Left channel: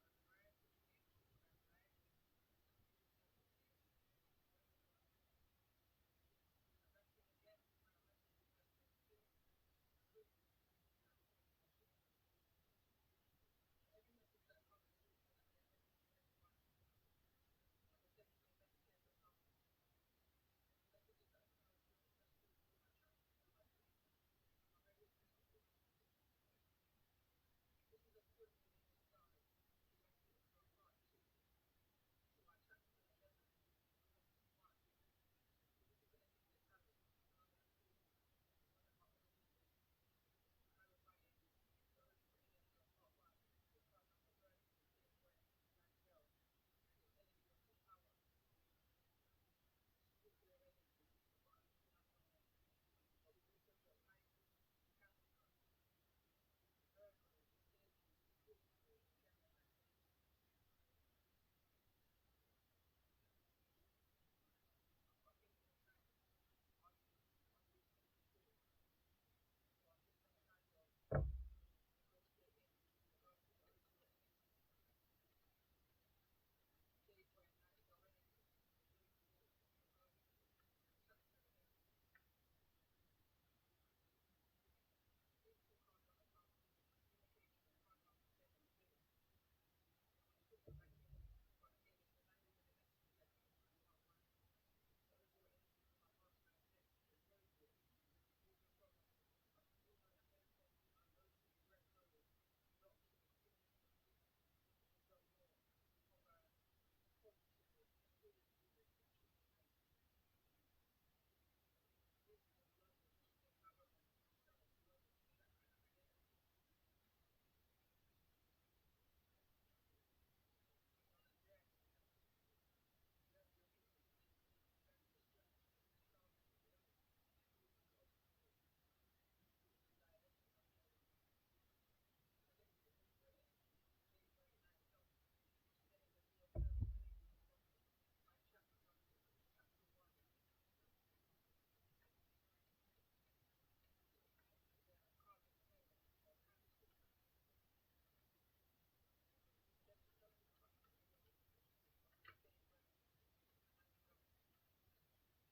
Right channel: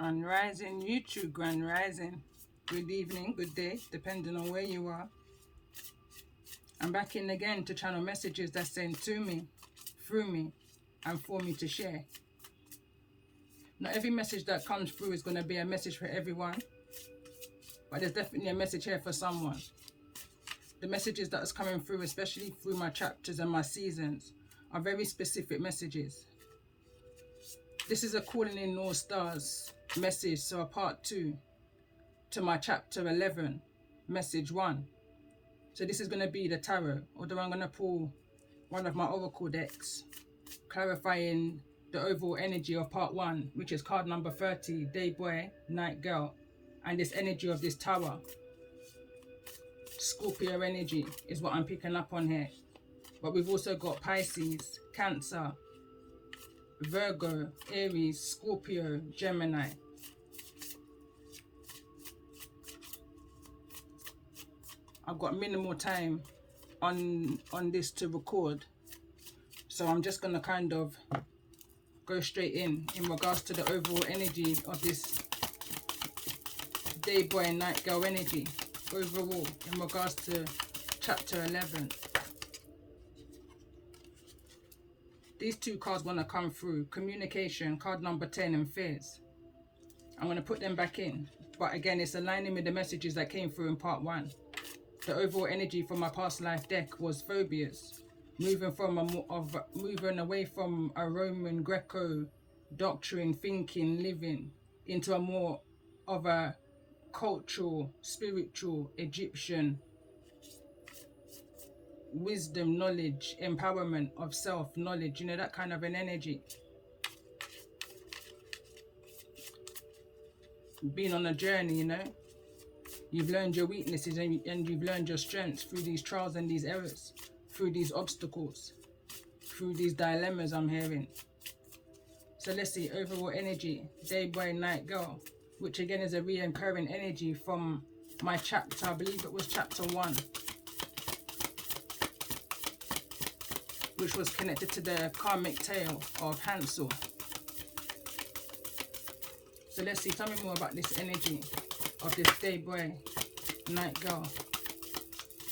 Grand Rising YouTube, Grand Rising. Good evening, good day, depending on where you are. I'm back in again to channel messages that's sent to me, through me, and for me to share. Not every message that comes through is going to be a message for everyone, but there's definitely a message here for someone. The messages that is coming through, especially through my chapters and my seasons, are very specific messages. This is a calling in all stars message, so a part 2 to my chapter 11, message 1. So this is going to be the tarot, although I'm going to pull one of my oracle decks, clarifying the overall energy of part 1, which is card number 30, day boy, night girl, and this energy of this tower. Scorpio energy is what I'm picking up on here. But we've also got Pisces, Cancer, Virgo, Aries, Scorpio, Gemini. I've got minimal time on this to record, so I'm just going to kind of go straight in regards to the overall energy of this day boy and night girl energy overall in regards to chapter 11. These two cards want to come through: communication, card number 10, and fears. I'm going to put them back in, but again, it's aligning with the messages that came through in part 1. The overall energy from my past life deck was phobias, moving away from a Roman Greco doctrine, thinking, living into a more of a cultural, spiritual, Egyptian wisdom, knowledge, empowerment of self, knowledge, you know, that kind of an energy. Being on a journey, you know. You've learned your weaknesses and you've learned your strengths through these trials and these errors, through these obstacles, through these dilemmas I'm hearing. So let's see, overall energy, day boy, night girl, which again is a reoccurring energy from my chapter, I believe it was chapter 1, which was connected to the karmic tale of Hansel. So let's see, tell me more about this energy of this day boy, night girl.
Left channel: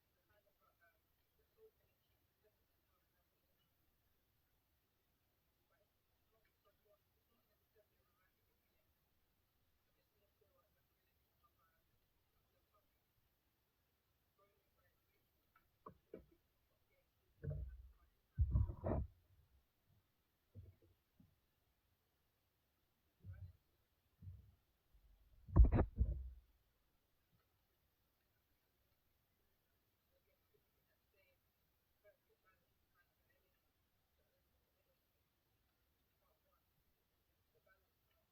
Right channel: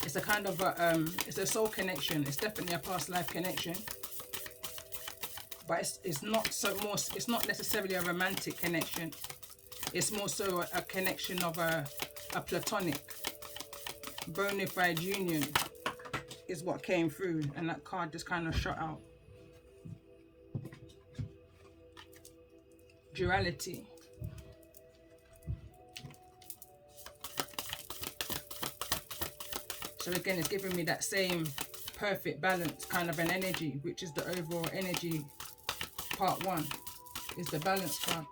It's a kind of a, it's a soul connection. It's definitely a past life connection, but it's not so more. It's not necessarily a romantic connection. It's more so a connection of a platonic, bona fide union is what came through, and that card just kind of shot out. Duality. So again, it's giving me that same perfect balance kind of an energy, which is the overall energy. Part 1 is the balance card.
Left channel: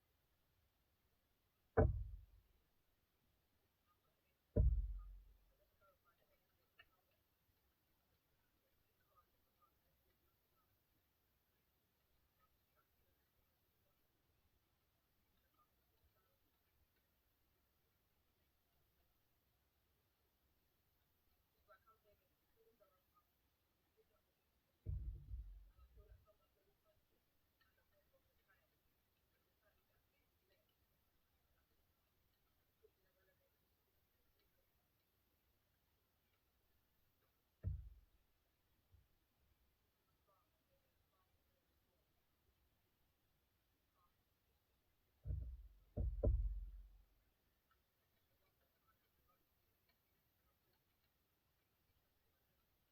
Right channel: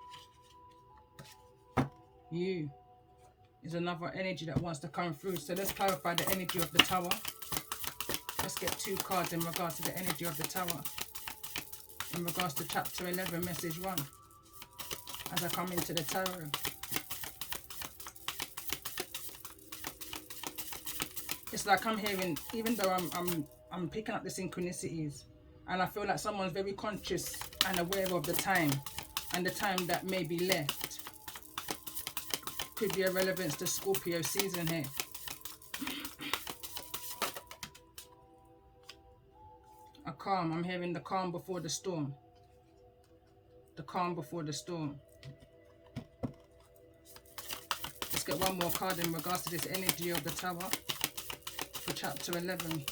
You is another energy that wants to come through. So let's clarify the energy of the tower. Let's get 2 cards in regards to the energy of the tower, in regards to chapter 11, message 1, as I come into the tarot. It's like I'm hearing, even though I'm picking up the synchronicities, and I feel like someone's very conscious and aware of the time, and the time that may be left. Could be a relevance to Scorpio season here. A calm, I'm hearing the calm before the storm. The calm before the storm. Let's get one more card in regards to this energy of the tower for chapter 11.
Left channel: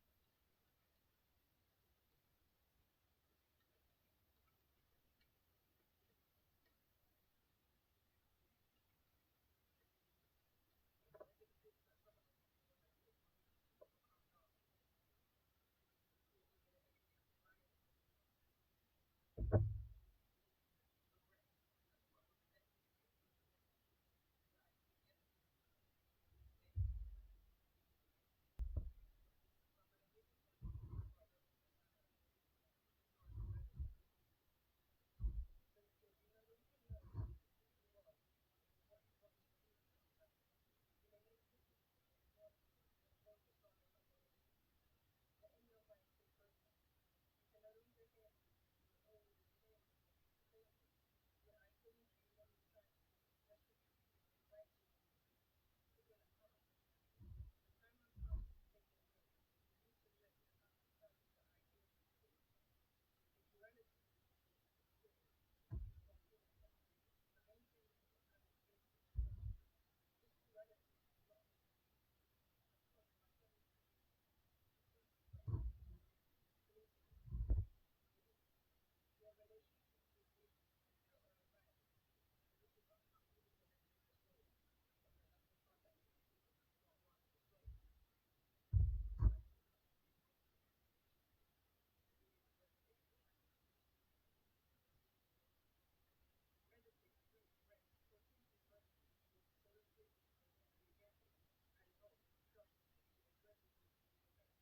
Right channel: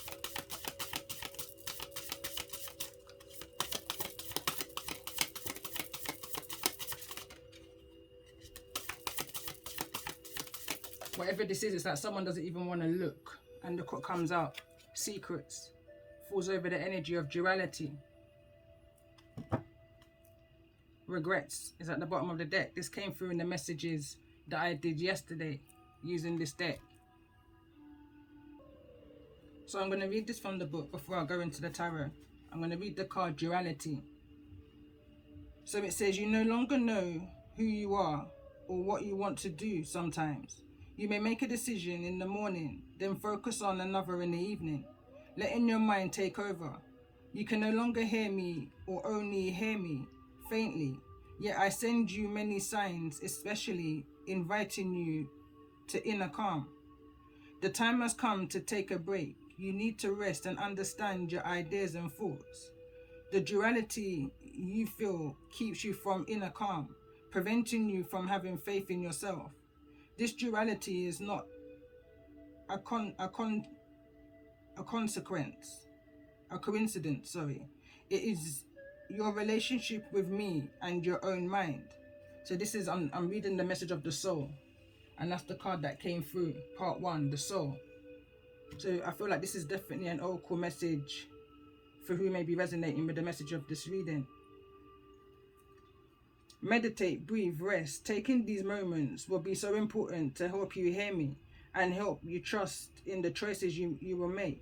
Whatever this is, it's like someone doesn't even want to look, and look what comes out. Secrets. Falls over the energy of duality. Regrets is at the bottom of the deck. This came through in the messages that I did yesterday using this deck. So I'm going to read this from the book before I go into the tarot. I'm going to read the card Duality. So it says, you no longer know who you are or what you want to do sometimes. You may make a decision in the morning, then focus on another in the evening, letting your mind take over. You can no longer hear me or only hear me faintly. Yet I send you many signs, especially inviting you to inner calm. The time has come to take a break. You need to rest and understand your ideas and thoughts. The duality you feel keeps you from inner calm, preventing you from having faith in yourself. This duality is not a coincidence, sorry. It is your relationship with me and your own mind. So this is, I'm reading the message of the soul, and that's the card that came through, part 1, the soul. So I feel like this is definitely an oracle message for who may be resonating with the message of this reading. Meditate, breathe, rest. Taking these moments will be so important to help you hear me and help you trust in the choices you will make.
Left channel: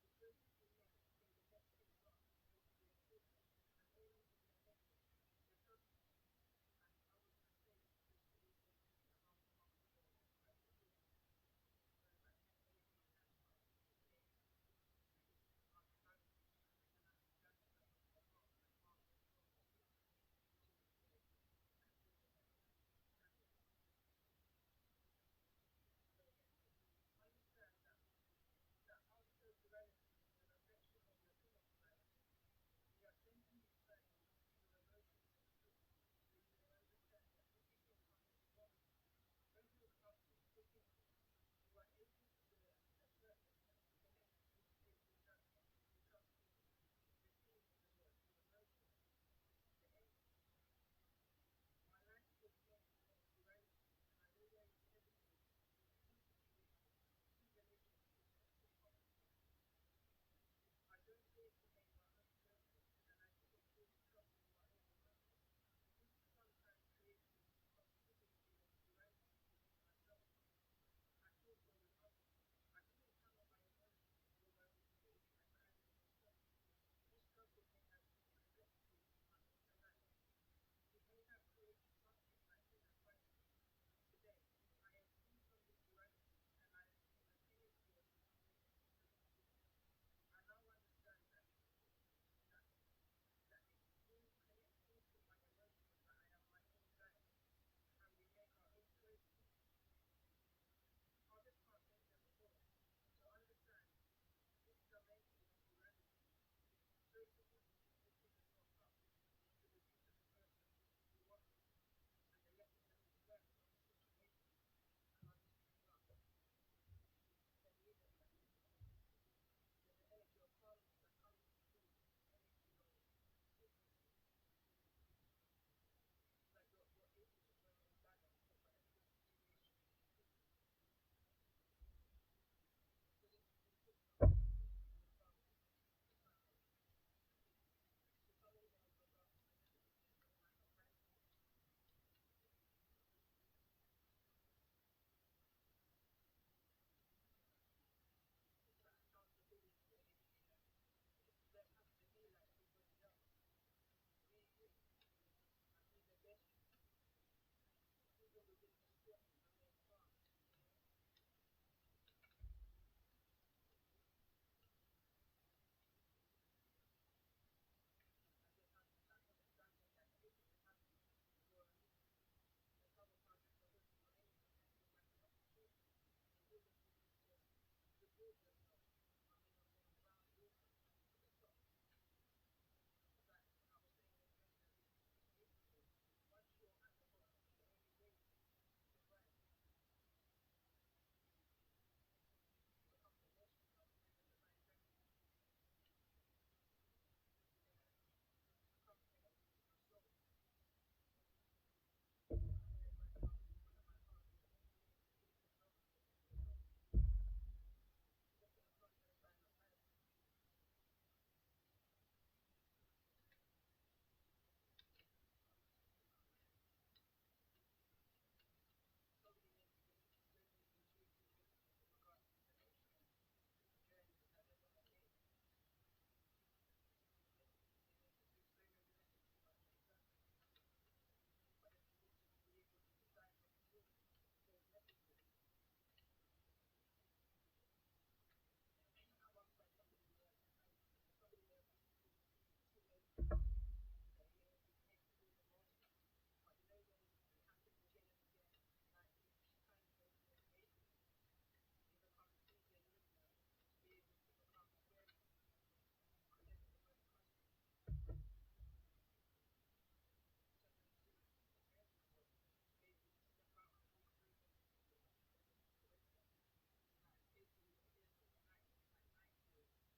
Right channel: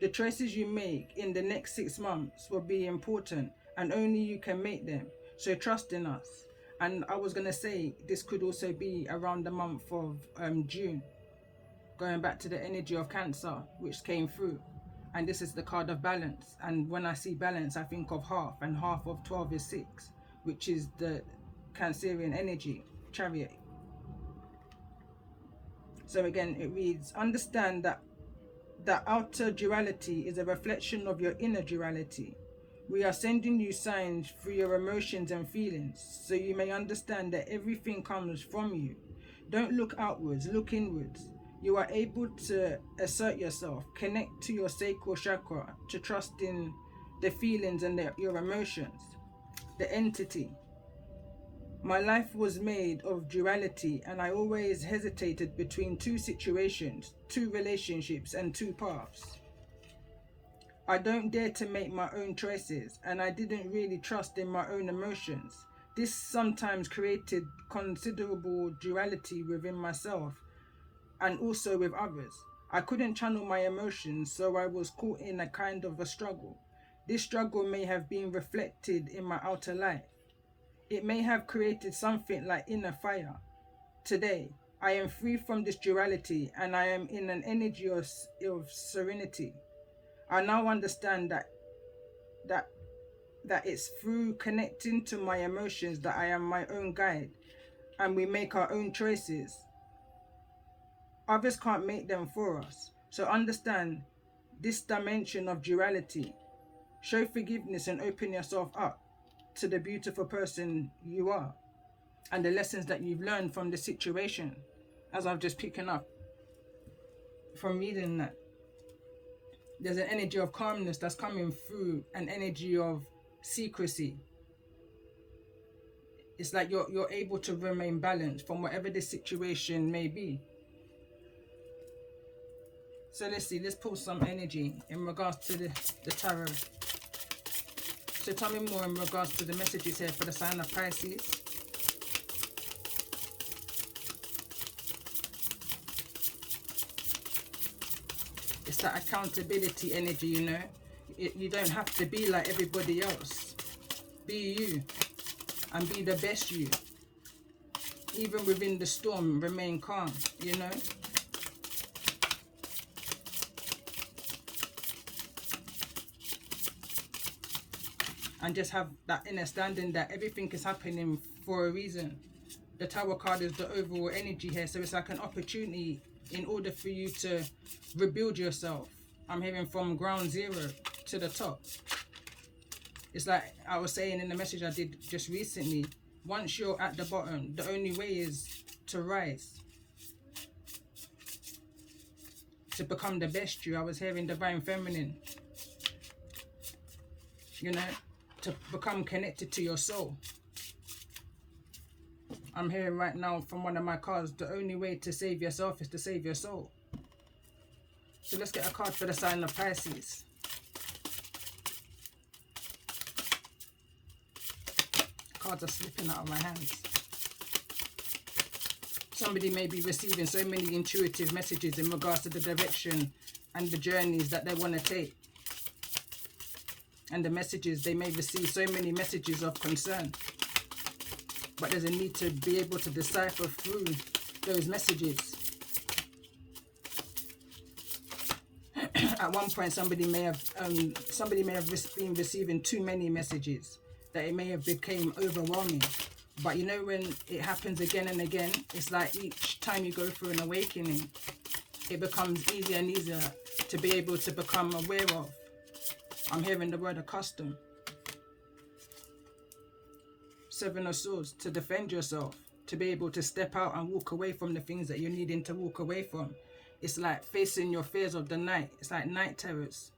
The choices you make in the next 6 months will be important, and only you can make them. So trust in us. And I was going to say, this could also be around the month of June, going back to the energy of Cancer, which came through. And this is the card of balance. And when I see balance, I think of half, and half of 12 is 6, which is the Cancerian energy, Chariot. So again, it reads, understand that the outer duality is a reflection of your inner duality. We are sending you signs through your emotions and feelings, so you may understand that everything comes from you. Don't look outwards, look inwards. You are able to assert yourself, connect to your sacral chakra, to trust in the feelings and your emotions, the entity. My life was made of duality, and I always hesitated between 2 situations, 2 relationships, and 2 paths. I don't dare to make my own choices, and I didn't really trust in my own emotions. This sometimes created considerable duality within myself and also with others. I couldn't channel my emotions, so I was caught in a kind of a struggle. This struggle may have been reflected in my outer life. It may have created something like inner fire. Today, I am free from this duality, and I am in an energy of serenity. I now understand that it's through connecting to my emotions that I am my own guide, and we make our own choices. Others can't make them for us. So understand this dimension of duality. Show forgiveness and open yourself up to the beautiful person you are and the lessons that you've learned from the situation, as I've just picking up from reading that. There's an energy of calmness that's coming through, an energy of secrecy. It's like you're able to remain balanced from whatever the situation may be. So let's see, let's pull some energy in regards to the tarot. So tell me more in regards to the messages here for the sign of Pisces. It's that accountability energy, you know. You don't have to be like everybody else. Be you and be the best you. Even within the storm, remain calm, you know. And just have that understanding that everything is happening for a reason. The Tower card is the overall energy here, so it's like an opportunity in order for you to rebuild yourself. I'm hearing from ground zero to the top. It's like I was saying in the message I did just recently, once you're at the bottom, the only way is to rise, to become the best you. I was hearing divine feminine, you know, to become connected to your soul. I'm hearing right now from one of my cards, the only way to save yourself is to save your soul. So let's get a card for the sign of Pisces. Cards are slipping out of my hands. Somebody may be receiving so many intuitive messages in regards to the direction and the journeys that they want to take. And the messages, they may receive so many messages of concern. But there's a need to be able to decipher through those messages. At one point, somebody may have been receiving too many messages that it may have become overwhelming. But you know, when it happens again and again, it's like each time you go through an awakening, it becomes easier and easier to be able to become aware of. I'm hearing the word accustom. Seven of Swords, to defend yourself, to be able to step out and walk away from the things that you're needing to walk away from. It's like facing your fears of the night. It's like night terrors.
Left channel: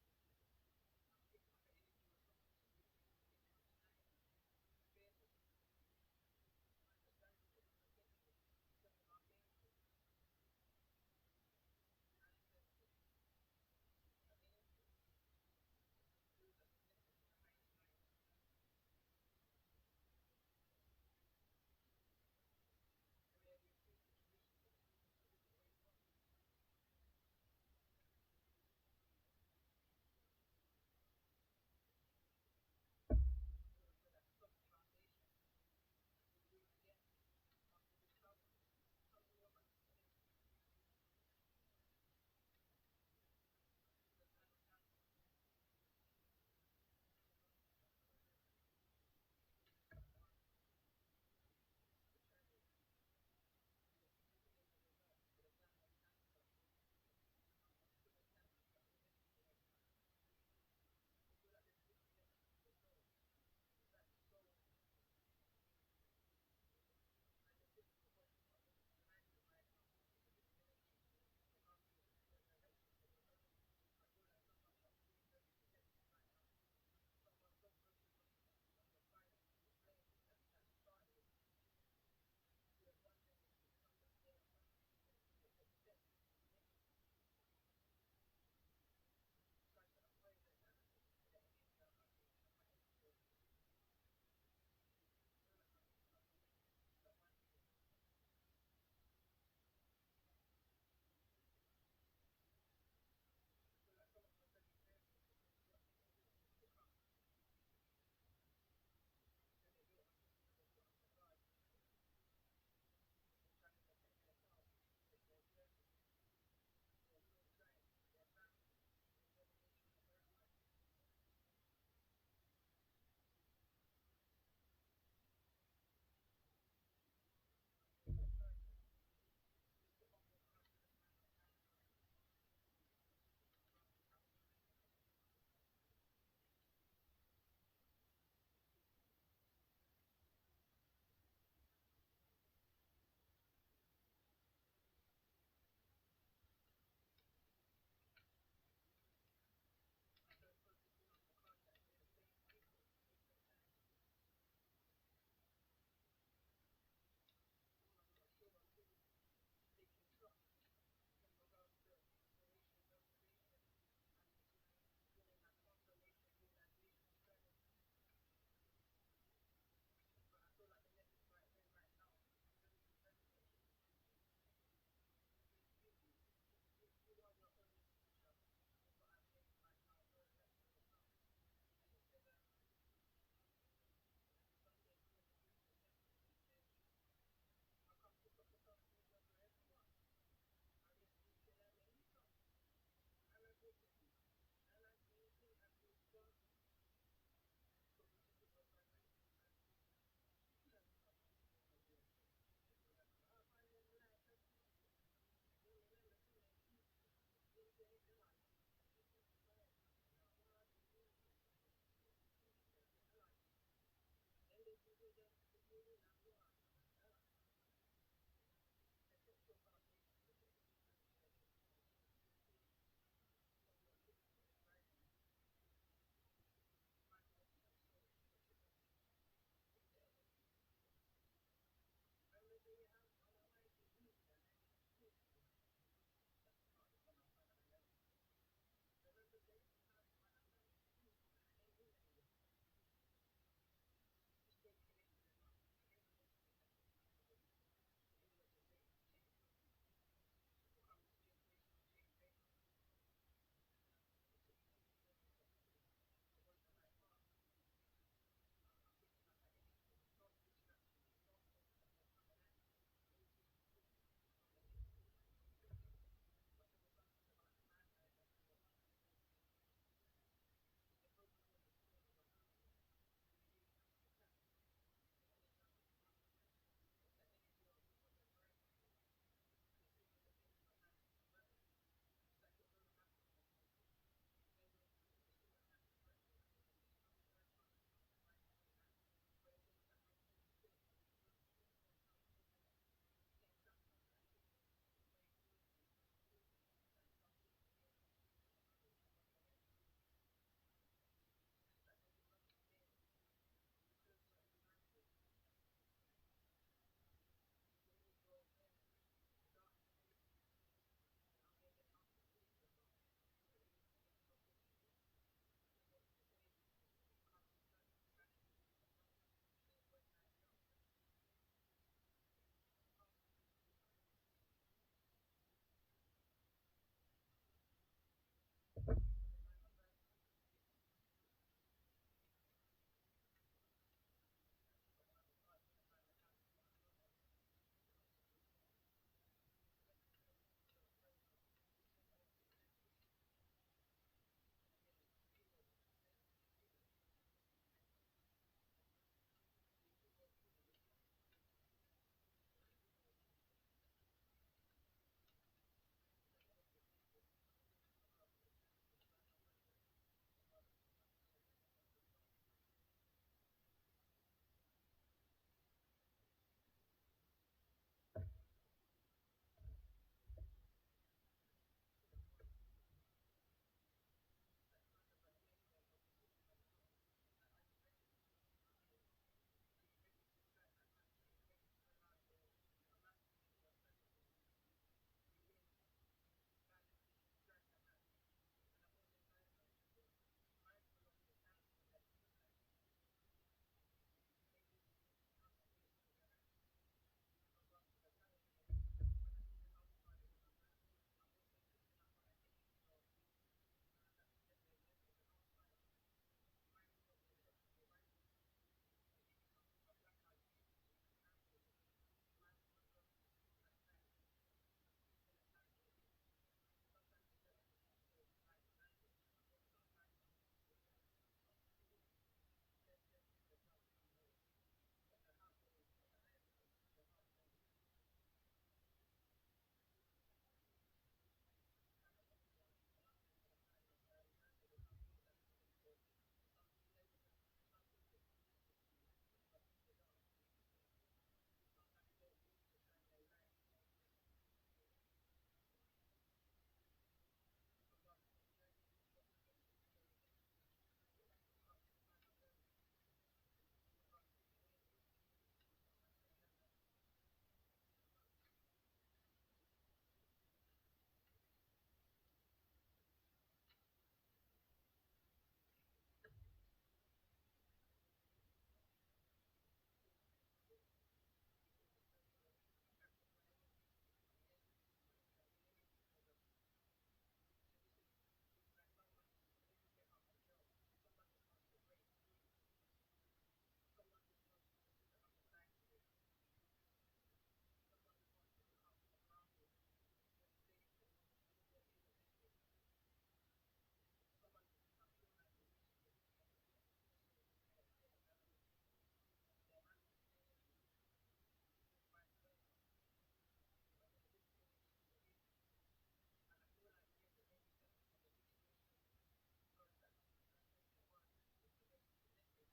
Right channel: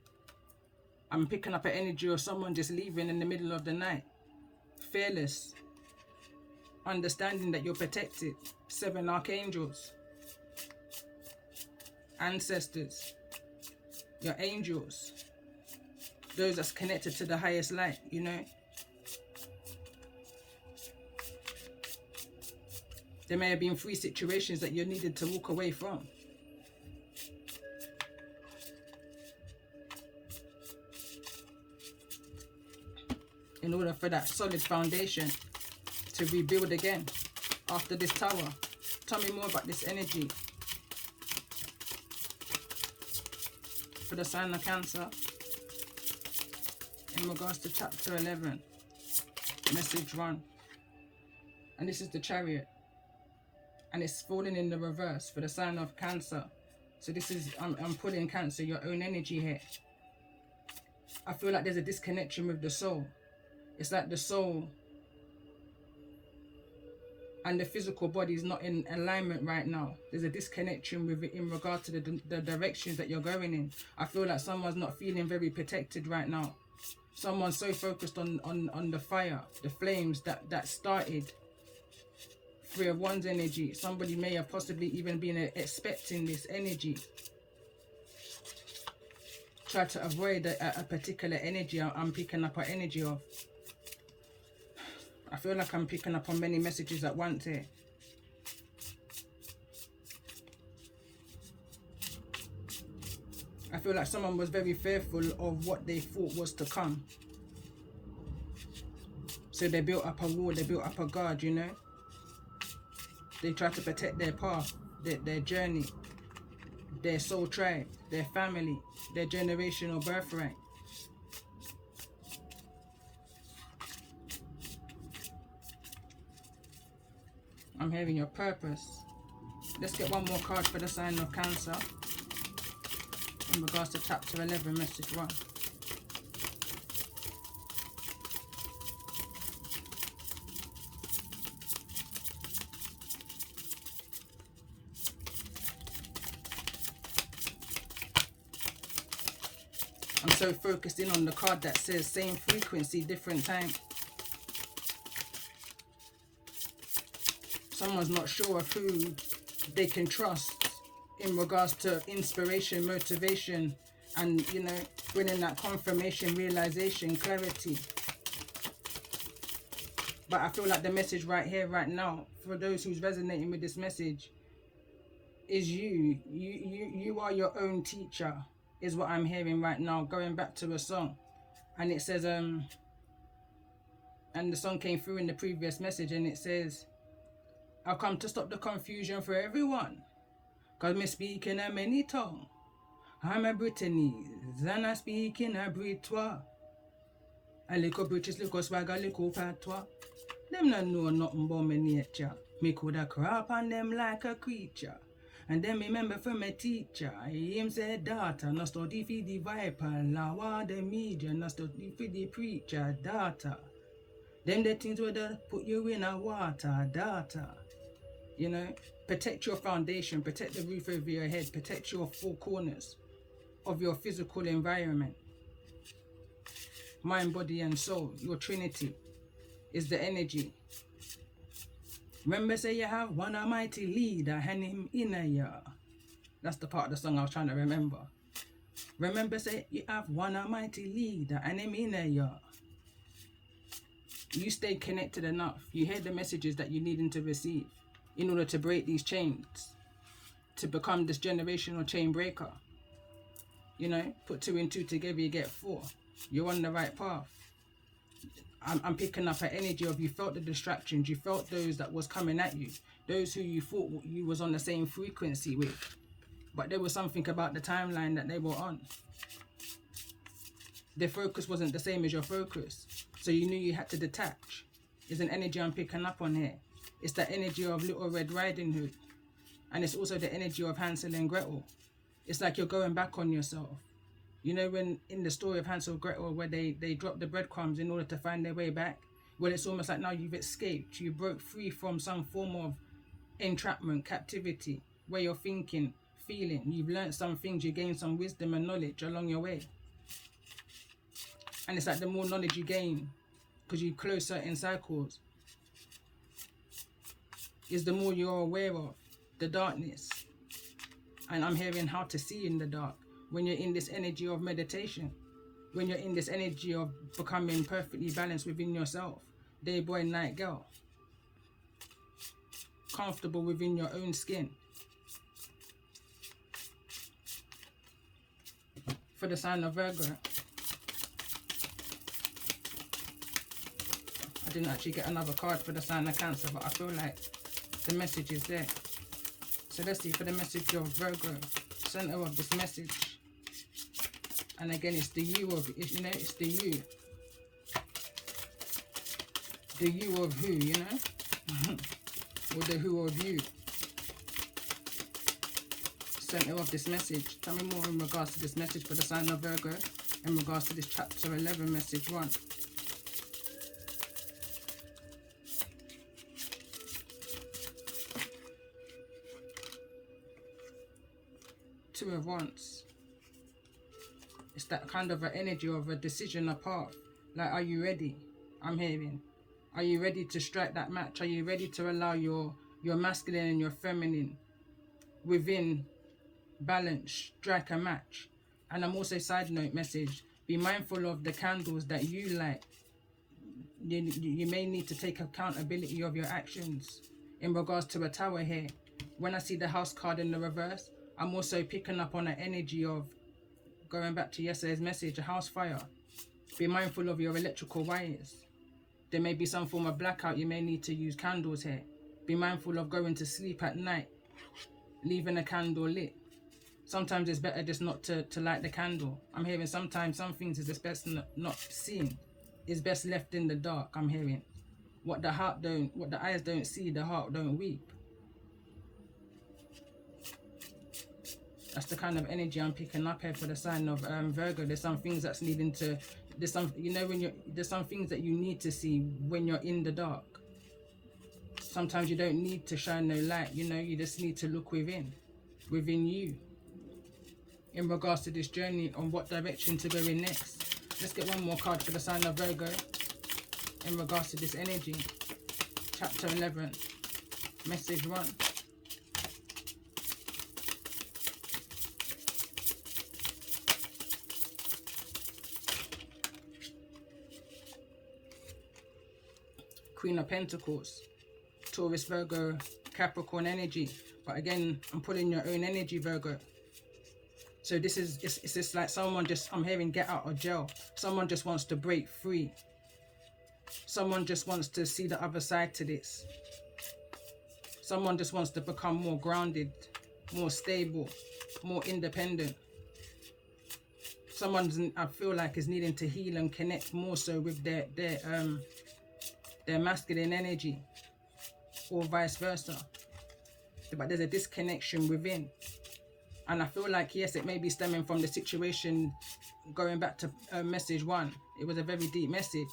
I'm picking up an energy of someone just leaving in the middle of the night. Fearless. Understanding that you're protected. 7 archangels. Ancestors. Your angels. Those that's connected to the highest light, you know. There may have been 3 situations that you needed to walk away from. In order for that solid foundation to rebuild again after this tower. Tell me more about this energy. For the sign of Cancer. In regards to chapter 11. Message 1. And this is the Chariot. And it's falling in the reverse for the sign of Cancer. So this is, I'm pulling Cancer, your own energy here. I feel like there's a disconnection with the soul. It's like the soul and the physical body is not in alignment right now. There's a disconnection with it in regard to the directions that you're going in. I feel like someone's not feeling very protected right now. Someone's so focused on the fire, the flames that started. 3 of Wands energy. Somebody may have possibly even been expecting this energy. Try to avoid a particular energy I'm picking up an energy of. I feel like I'm picking up on many messages at once here. I feel like someone was very fearful of what they thought was to come. So they built up a wall, they built up a guard, you know. They try to protect their path, their journey, their soul tribe, their family, their generational birthright. I'm hearing your purpose. Let's get one more card for the sign of Cancer. In regards to chapter 11, message 1. I'm so focused in on the card that says same frequency, different time. Someone's not sure of who they can trust in regards to inspiration, motivation, and, you know, bringing that confirmation, realization, clarity. But I feel like the message right here, right now, for those who's resonating with this message, is you. You are your own teacher, is what I'm hearing right now. Going back to a song, and it says, and the song came through in the previous message, and it says, I'll come to stop the confusion for everyone, cause me speak in a many tongue. I'm a Brittany's, and I speak in a Britois. A little British, little swagger, little patois. Them not know nothing about me nature. Me coulda crap on them like a creature. And then remember from my teacher, him said, daughter, no study for the viper, law the media, no study for the preacher, daughter. Them the things where they put you in a water, daughter. You know, protect your foundation, protect the roof over your head, protect your 4 corners of your physical environment. Mind, body, and soul, your trinity is the energy. Remember, say you have one almighty leader and him in a year. That's the part of the song I was trying to remember. Remember, say you have one almighty leader and him in a year. You stay connected enough. You hear the messages that you needing to receive in order to break these chains, to become this generational chain breaker. You know, put 2 and 2 together, you get 4. You're on the right path. I'm picking up an energy of you felt the distractions, you felt those that was coming at you, those who you thought you was on the same frequency with, but there was something about the timeline that they were on. Their focus wasn't the same as your focus. So you knew you had to detach. Is an energy I'm picking up on here. It's the energy of Little Red Riding Hood. And it's also the energy of Hansel and Gretel. It's like you're going back on yourself. You know, when in the story of Hansel and Gretel, where they drop the breadcrumbs in order to find their way back, well, it's almost like now you've escaped. You broke free from some form of entrapment, captivity, where you're thinking, feeling. You've learned some things, you gained some wisdom and knowledge along your way. And it's like the more knowledge you gain, because you close certain cycles, is the more you're aware of the darkness. And I'm hearing how to see in the dark. When you're in this energy of meditation, when you're in this energy of becoming perfectly balanced within yourself, day boy, night girl, comfortable within your own skin. For the sign of Virgo, I didn't actually get another card for the sign of Cancer, but I feel like the message is there. So let's see for the message of Virgo, center of this message. And again, it's the you of, you know, it's the you. The you of who, you know? Or the who of you. Center of this message. Tell me more in regards to this message for the sign of Virgo, in regards to this chapter 11, message 1. Two of Wands. It's that kind of an energy of a decision, a path. Like, are you ready? I'm hearing. Are you ready to strike that match? Are you ready to allow your masculine and your feminine within balance, strike a match? And I'm also, side note message, be mindful of the candles that you light. You may need to take accountability of your actions. In regards to a tower here, when I see the house card in the reverse, I'm also picking up on an energy of, going back to yesterday's message, a house fire. Be mindful of your electrical wires. There may be some form of blackout. You may need to use candles here. Be mindful of going to sleep at night, leaving a candle lit. Sometimes it's better just not to light the candle. I'm hearing sometimes some things is best not seen. It's best left in the dark, I'm hearing. What the eyes don't see, the heart don't weep. That's the kind of energy I'm picking up here for the sign of Virgo. There's some things that's needing to, there's some, you know, there's some things that you need to see when you're in the dark. Sometimes you don't need to shine no light, you know, you just need to look within you. In regards to this journey, on what direction to go in next. Let's get one more card for the sign of Virgo in regards to this energy. Chapter 11, message 1. Queen of Pentacles, Taurus, Virgo, Capricorn energy. But again, I'm pulling your own energy, Virgo. So this is, it's just like someone just, I'm hearing get out of jail. Someone just wants to break free. Someone just wants to see the other side to this. Someone just wants to become more grounded, more stable, more independent. Someone, I feel like, is needing to heal and connect more so with their masculine energy, or vice versa. But there's a disconnection within. And I feel like, yes, it may be stemming from the situation, going back to message 1. It was a very deep message.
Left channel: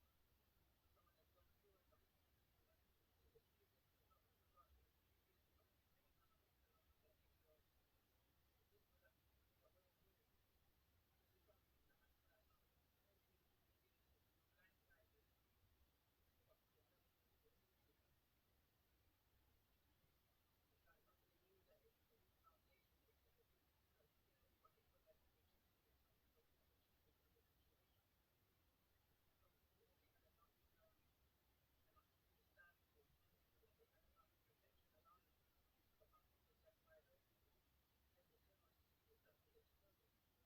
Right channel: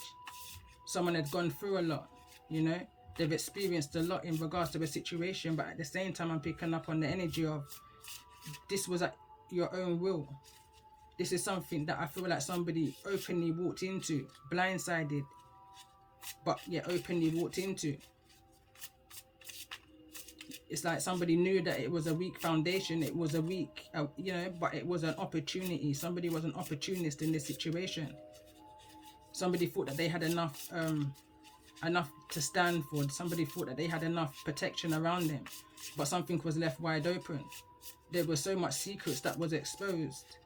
Someone had gone through a lot, you know. They've experienced a lot in regards to a situation, but at the same time, I'm picking up on the energy of, this was at your own will. This is something that I feel like somebody openly walked into, blindsided, but yeah, openly walked into. It's like somebody knew that it was a weak foundation, it was a weak, you know, but it was an opportunity. Somebody was an opportunist in this situation. Somebody thought that they had enough to stand for. Somebody thought that they had enough protection around them, but something was left wide open. There was so much secrets that was exposed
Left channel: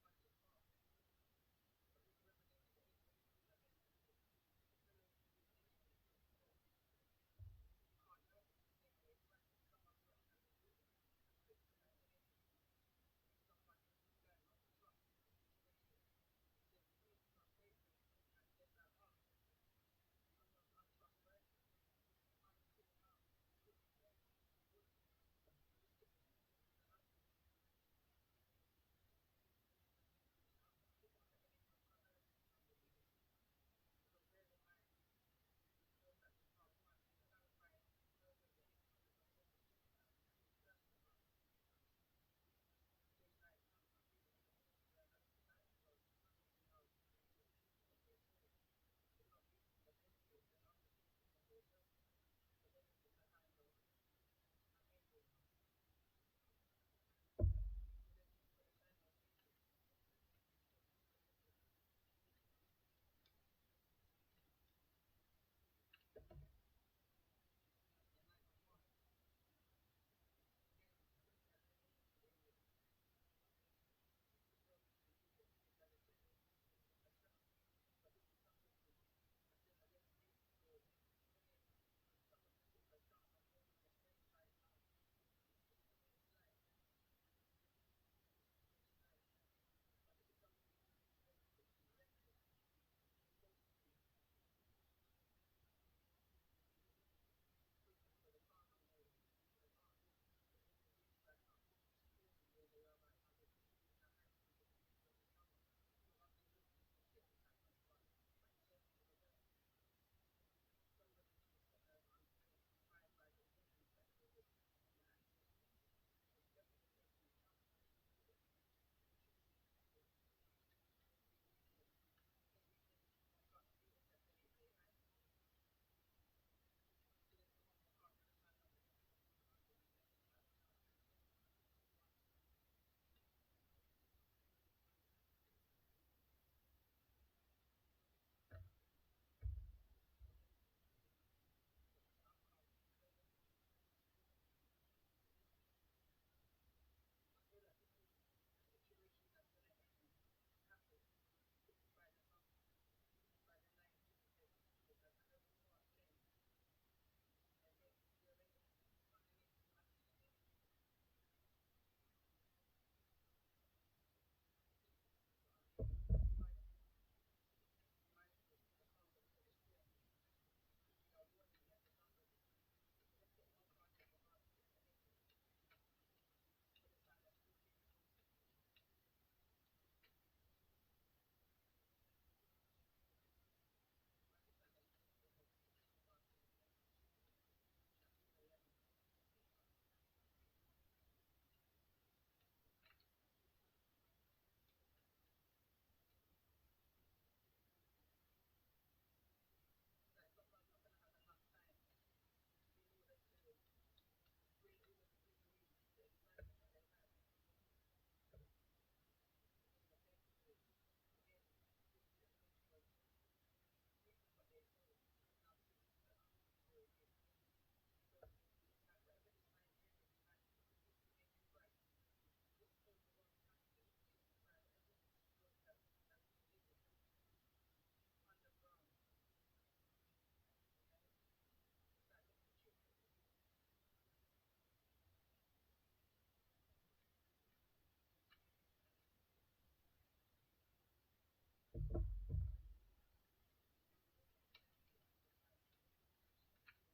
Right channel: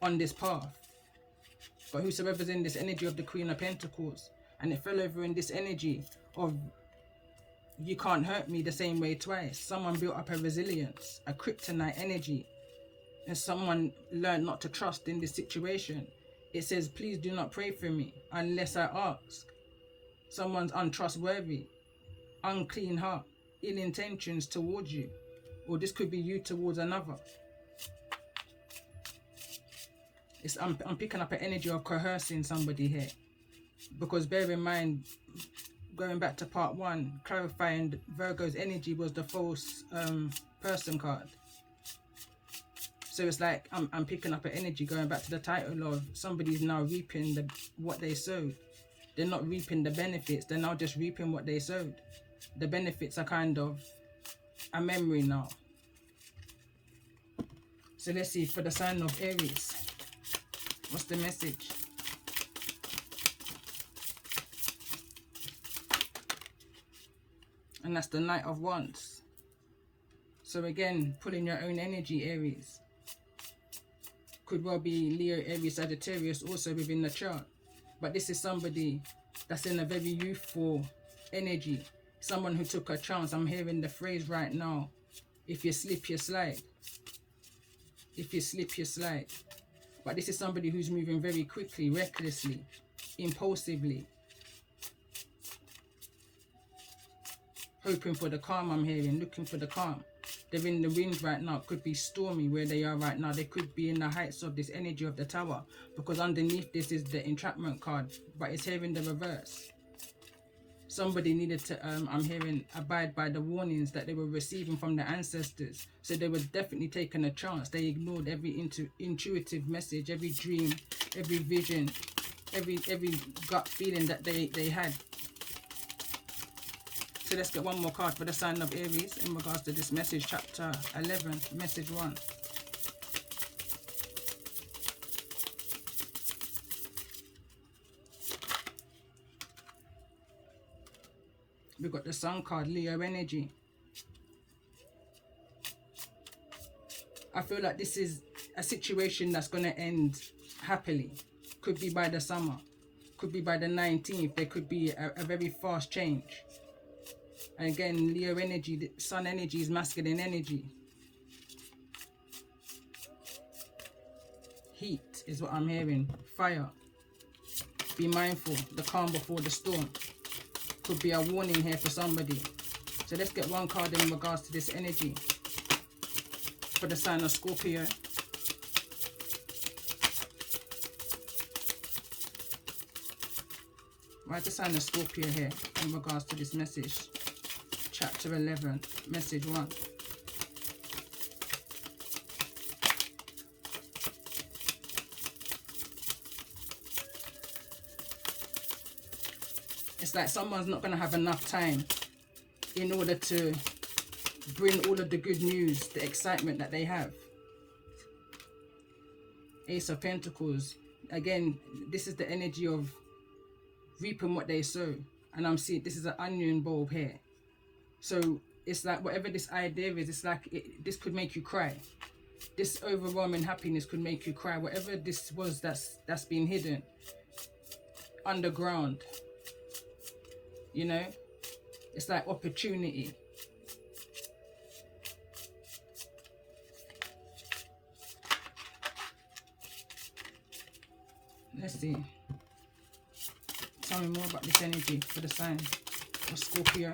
on this path. But whosoever's in this energy of the Queen of Pentacles, and it fell over in this energy of, you can't hurt me the same way twice. Someone built up a resilience, a kryptonite energy, and someone learned not to trust in this situation. It says, please do not pray for me unless I ask. Someone's untrustworthy, unclean heart, ill intentions towards you. Or this could be you towards another. I'm picking up an energy of coercing somebody here. Because bear in mind, going back to part 1, clarifying Virgo's energy was the false person card. So it's like I'm picking up an energy going back to the title of somebody's now reaping what they sowed. They're not reaping the benefits, they're now just reaping what they sowed. The benefits are kind of a memory now. So let's see, for the sign of Aries, what's the message? And that's the Knight of Wands. So again, pulling your own energy, Aries. Could well be Leo, Aries, Sagittarius also within the chart. But this is somebody that's in a very youthful energy. Someone who took a chance. I'm hearing the phrase right now. If you slip, you slide. If you slip, you slide. But this is somebody who's moving very quickly, recklessly, impulsively. Hoping for the calm, I'm hearing. Looking for the calm. They're in the wind right now. It could be stormy where they are right now. They could be in the heights of this energy of the Tower. Because underneath this is the entrapment card. But it's here in the reverse. Somebody needed to, I'm hearing, abide by the warnings that they were receiving from their ancestors. So they were definitely taking a chance. They ignored every intuitive message, every dream, every vision, every gut feeling that they had. So let's get one more card for the sign of Aries in regards to this message, chapter 11, message 1. We've got the Sun card, Leo energy. I feel like this is a situation that's going to end happily. Could be by the summer. Could be by the 19th. There could be a very fast change. And again, Leo energy, the Sun energy is masculine energy. Heat is what I'm hearing. Fire. Be mindful. The calm before the storm. Could be a warning here for somebody. So let's get one card in regards to this energy. For the sign of Scorpio. Why is the sign of Scorpio here in regards to this message? Chapter 11, message 1. It's like someone's not going to have enough time in order to bring all of the good news, the excitement that they have. Ace of Pentacles. Again, this is the energy of reaping what they sow. And I'm seeing this is an onion bulb here. So it's like whatever this idea is, it's like this could make you cry. This overwhelming happiness could make you cry. Whatever this was that's been hidden underground. You know? It's like opportunity. Let's see. Tell me more about this energy for the sign of Scorpio.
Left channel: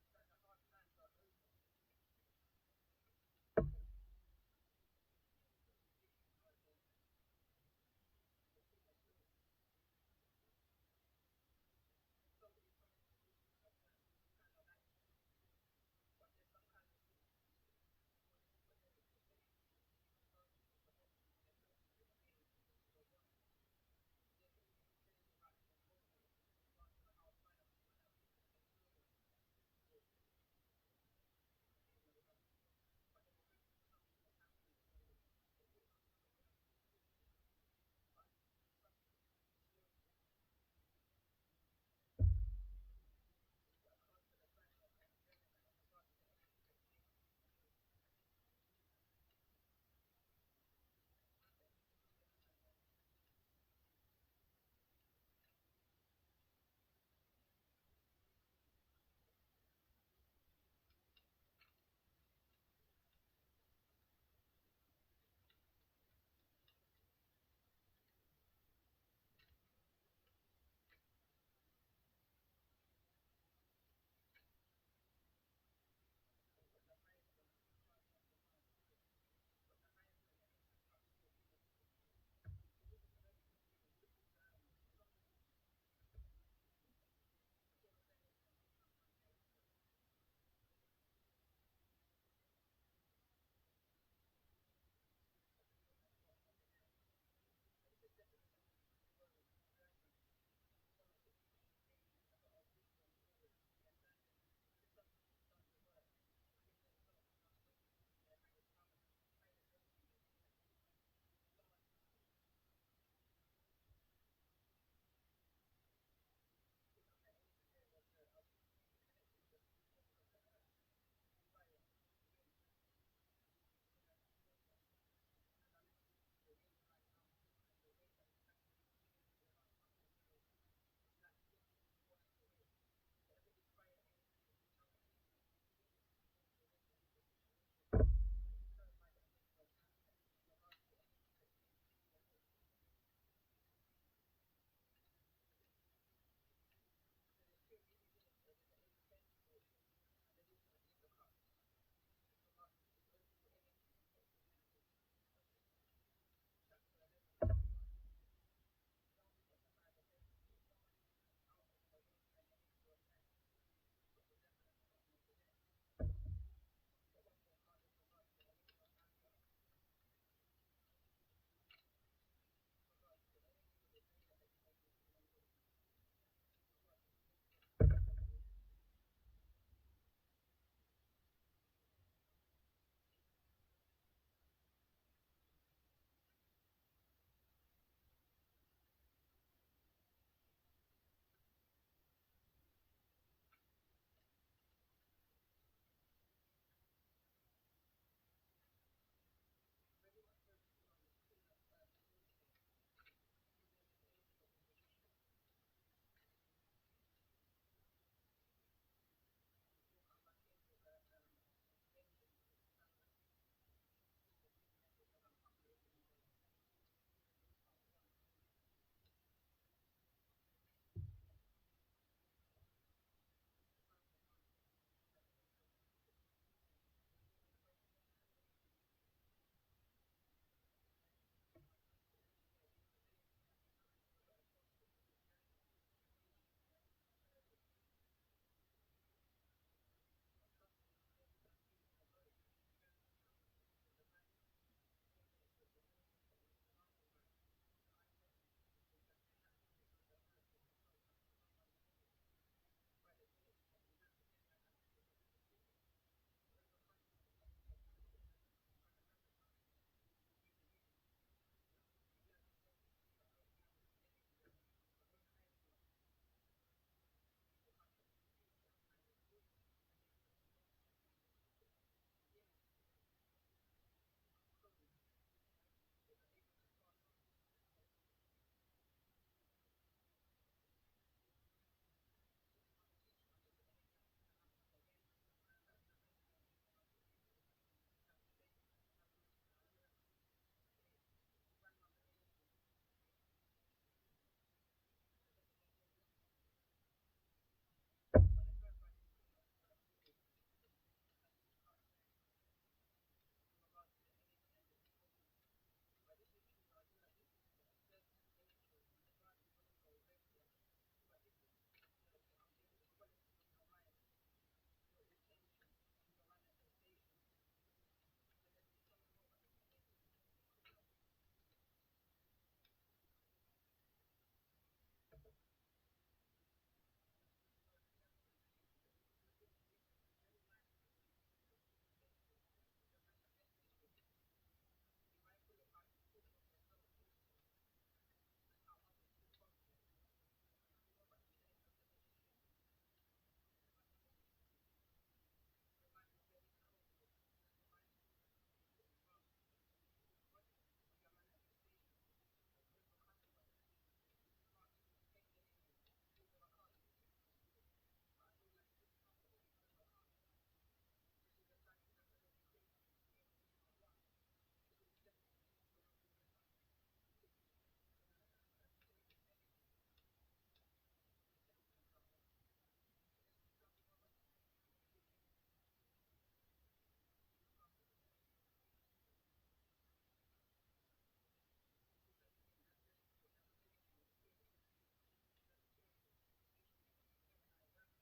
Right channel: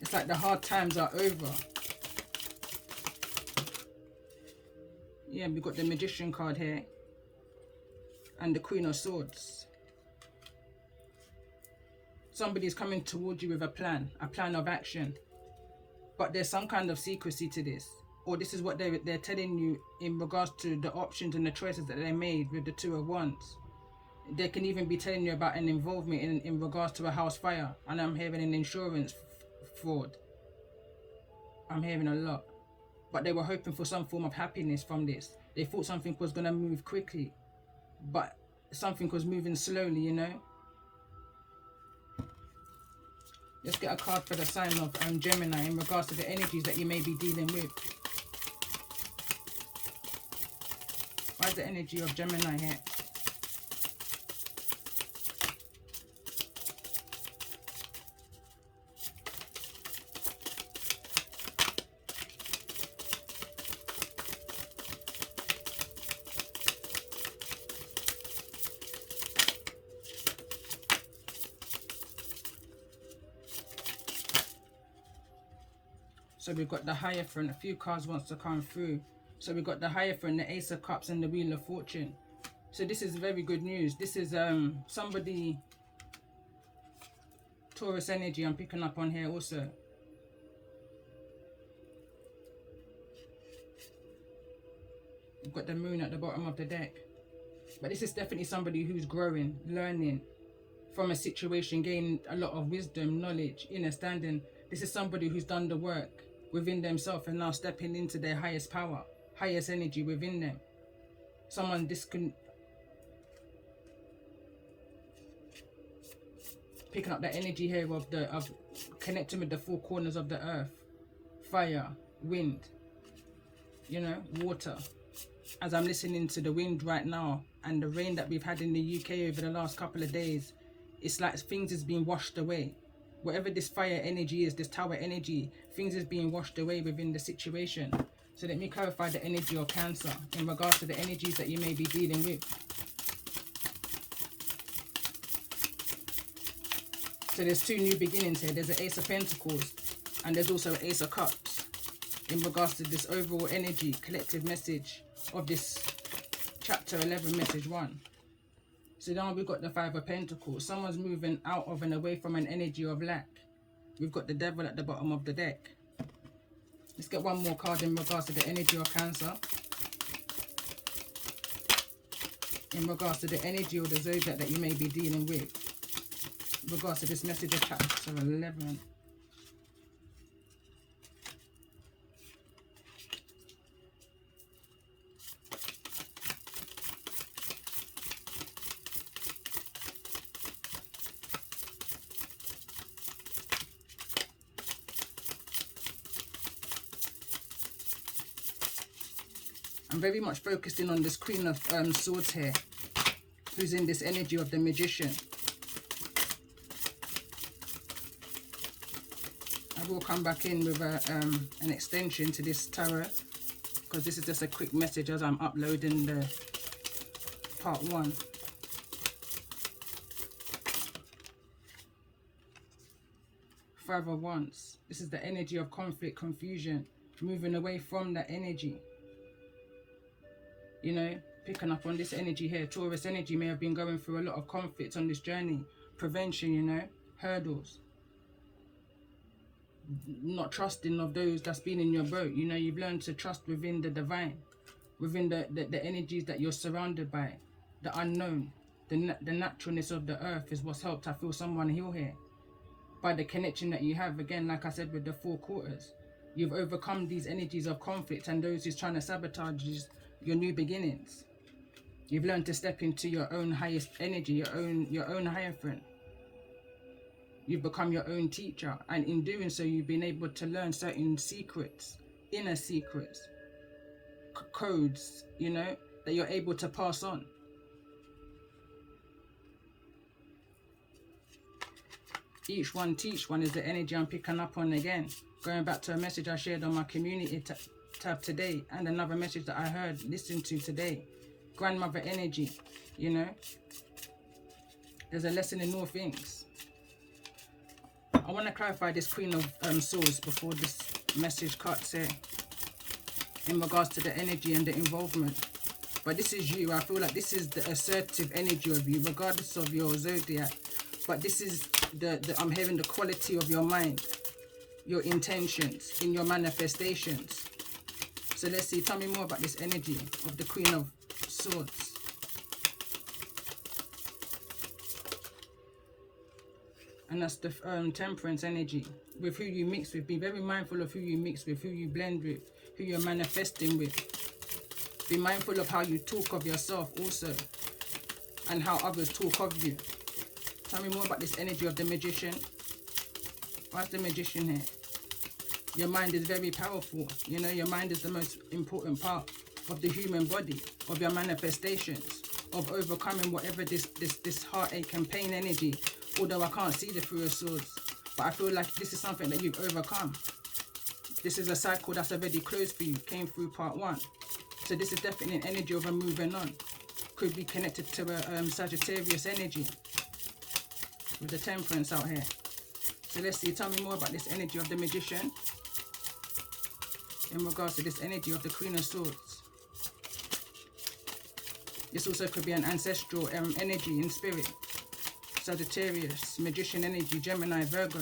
It's like the hard times are over. Yeah, we've got the Magician card here. And the Queen of Swords. Somebody's coming towards you with a plan of action. But there's some kind of secrecy to this. Or this is what they're telling you in regards to the options and the choices that they made with the Two of Wands. They can even be telling you about an involvement in regards to a house fire. And I'm hearing an insurance fraud. I'm hearing a lot. But they were hoping for some form of happiness from this. They thought something was going to move quickly. But something was moving slowly, you know. Let's get a card for the sign of Gemini in regards to the energies that you may be dealing with. Why is the energy of Gemini here? So we've got the Hierophant. A few cards wants to come through. So we've got the Hierophant, the Ace of Cups, and the Wheel of Fortune. So this is very good news. This is somebody, Taurus energy, I'm picking up on here also. We've got the Moon at the bottom of the deck. But this is definitely somebody who's growing, learning from a situation, gaining a lot of wisdom, knowledge, understanding. This is somebody who's done the work within themselves and now stepping into their highest power, highest energy within them. Someone picking up that energy here of connecting with the four corners of the earth, fire, wind, you know, water. As I'm listening to the wind right now and the rain that we've had in the UK over the last couple of days, it's like things is being washed away. Whatever this fire energy is, this tower energy, things is being washed away within the situation. So let me clarify the energy of Cancer in regards to the energies that you may be dealing with. So there's two new beginnings here. There's an Ace of Pentacles and there's also an Ace of Cups in regards to this overall energy, collective message of this chapter 11, message 1. So now we've got the Five of Pentacles. Someone's moving out of and away from an energy of lack. We've got the Devil at the bottom of the deck. Let's get one more card in regards to the energy of Cancer. In regards to the energy or the zodiac that you may be dealing with. In regards to this message of chapter 11. I'm very much focusing on this Queen of Swords here, who's in this energy of the Magician. I will come back in with an extension to this tarot, because this is just a quick message as I'm uploading the part 1. Five of Wands. This is the energy of conflict, confusion, moving away from that energy. You know, picking up on this energy here. Taurus energy may have been going through a lot of conflicts on this journey. Prevention, you know, hurdles. Not trusting of those that's been in your boat. You know, you've learned to trust within the divine, within the energies that you're surrounded by, the unknown, the naturalness of the earth is what's helped, I feel, someone heal here. By the connection that you have, again, like I said, with the four quarters. You've overcome these energies of conflict and those who's trying to sabotage your new beginnings. You've learned to step into your own highest energy, your own Hierophant. You've become your own teacher, and in doing so, you've been able to learn certain secrets, inner secrets, codes, you know, that you're able to pass on. Each one teach one is the energy I'm picking up on again. Going back to a message I shared on my community tab today, and another message that I listened to today. Grandmother energy, you know. There's a lesson in all things. I want to clarify this Queen of Swords before this message cuts here. In regards to the energy and the involvement. But this is you. I feel like this is the assertive energy of you, regardless of your zodiac. But this is I'm hearing the quality of your mind, your intentions in your manifestations. So let's see, tell me more about this energy of the Queen of Swords. And that's the Temperance energy. With who you mix with, be very mindful of who you mix with, who you blend with, who you're manifesting with. Be mindful of how you talk of yourself also, and how others talk of you. Tell me more about this energy of the Magician. What's the Magician here? Your mind is very powerful. You know, your mind is the most important part of the human body, of your manifestations, of overcoming whatever this heartache and pain energy. Although I can't see the Three of Swords, but I feel like this is something that you've overcome. This is a cycle that's already closed for you, came through part 1. So this is definitely an energy of a moving on. Could be connected to a Sagittarius energy with the Temperance out here. So let's see, tell me more about this energy of the Magician. in regards to this energy of the Queen of Swords. This also could be an ancestral energy in spirit. Sagittarius, Magician energy, Gemini, Virgo.